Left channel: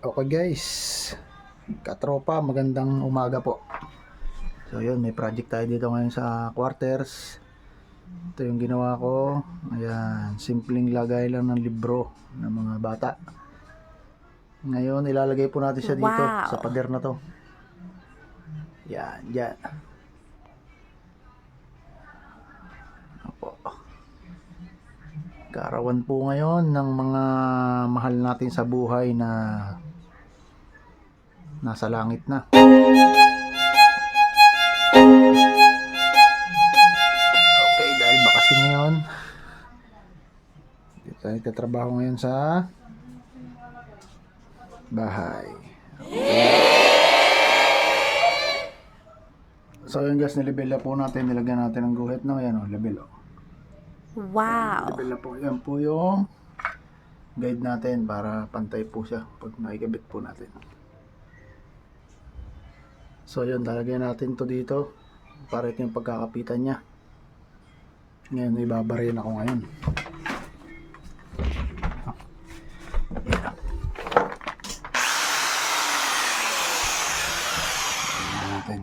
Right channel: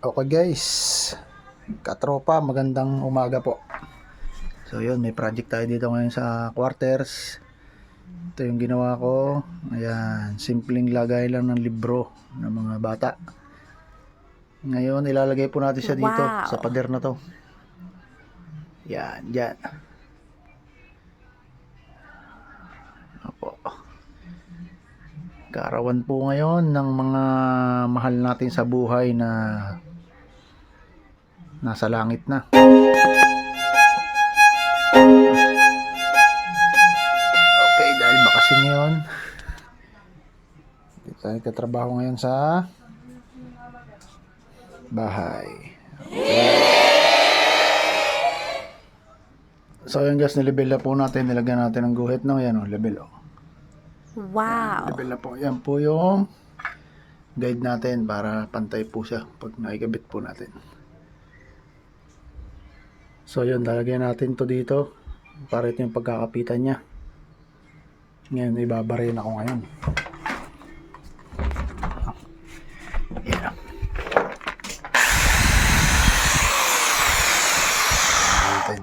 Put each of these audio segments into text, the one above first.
Okay guys, katropa, magandang umaga po. So yun, may project tayo dito ngayon sa quarters. Ito yung ginawa ko. Ayan, simpleng lagay lang ng libro ng mga bata. Ngayon, ilalagay po natin siya dito sa pader na to. Yan, yan. Opo. Kaarawan po ngayon ng mga mahal natin sa buhay na nasa langit na. Okay, dahil bakasyon ngayon, dito tayo nagtatrabaho ngayon sa bahay. Okay. So yun guys, nilibel na po natin, nilagyan natin ng guhit, no? Yan o, level o. Wow. Level na po. Yan po yung guide natin para pantay po siya pag nakikabit po natin. So yun, lalagyan natin to dito para ito yung pagkakapitan niya. Ngayon, ibabarayin ako ngayon. Yan. Natin.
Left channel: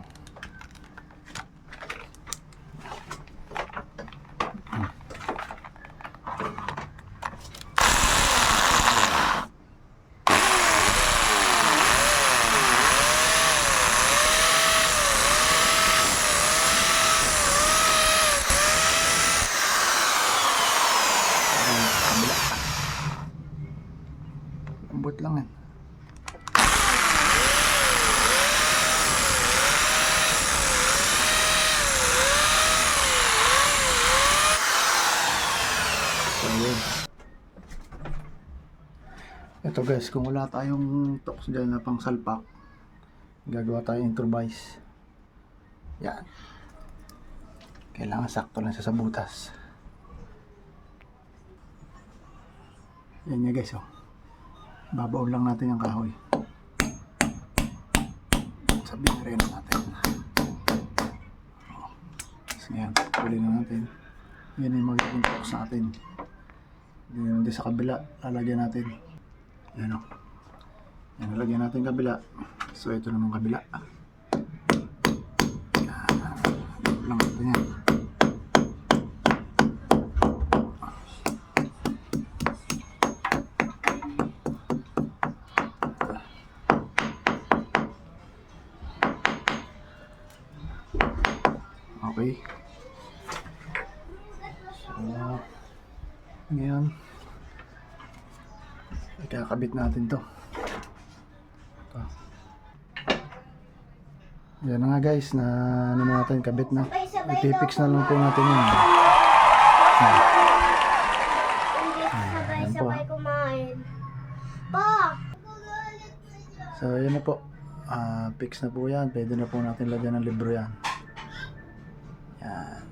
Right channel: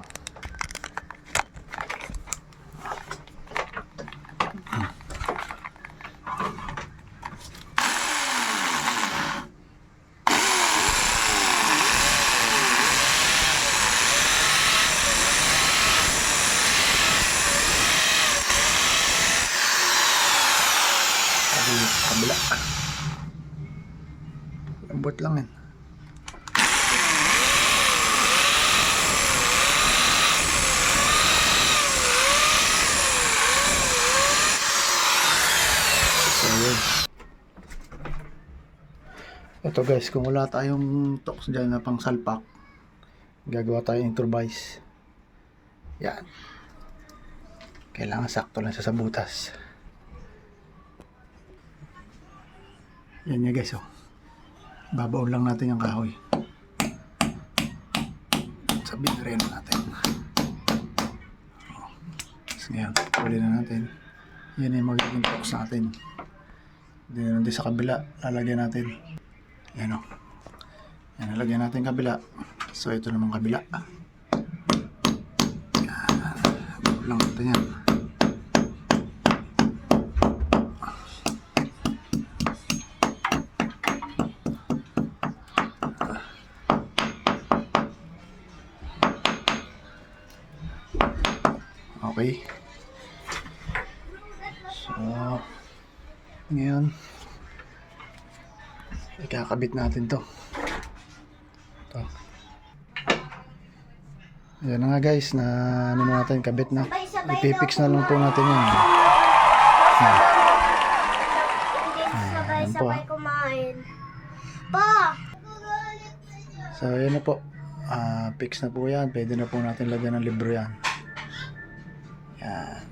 Kabila. Lambot lang yan. So yun. Ito guys, kung wala tayong tox dyan na pang salpak, gagawa tayo improvise. Yan. Kailangan sakto lang siya sa butas. Yan niya guys, oh. Babaon lang natin yung kahoy. Sabihin rin natin. Oh. So, ngayon, huli na natin. Yan yung magiging tox natin. Then sa kabila, lalagyan natin. Yan, oh. Yan, lalagyan natin kabila. So ito naman kabila. Yan. Babaon lang natin yan. Okay. So, ngayon, ikakabit natin to. Ito. Yan na nga guys, na ano na natin, kabit na. Ipipix na lang po natin yan. Yan po. So, yan na po. Fix na po yan. Pwede na po natin lagyan ng libro yan. Yan.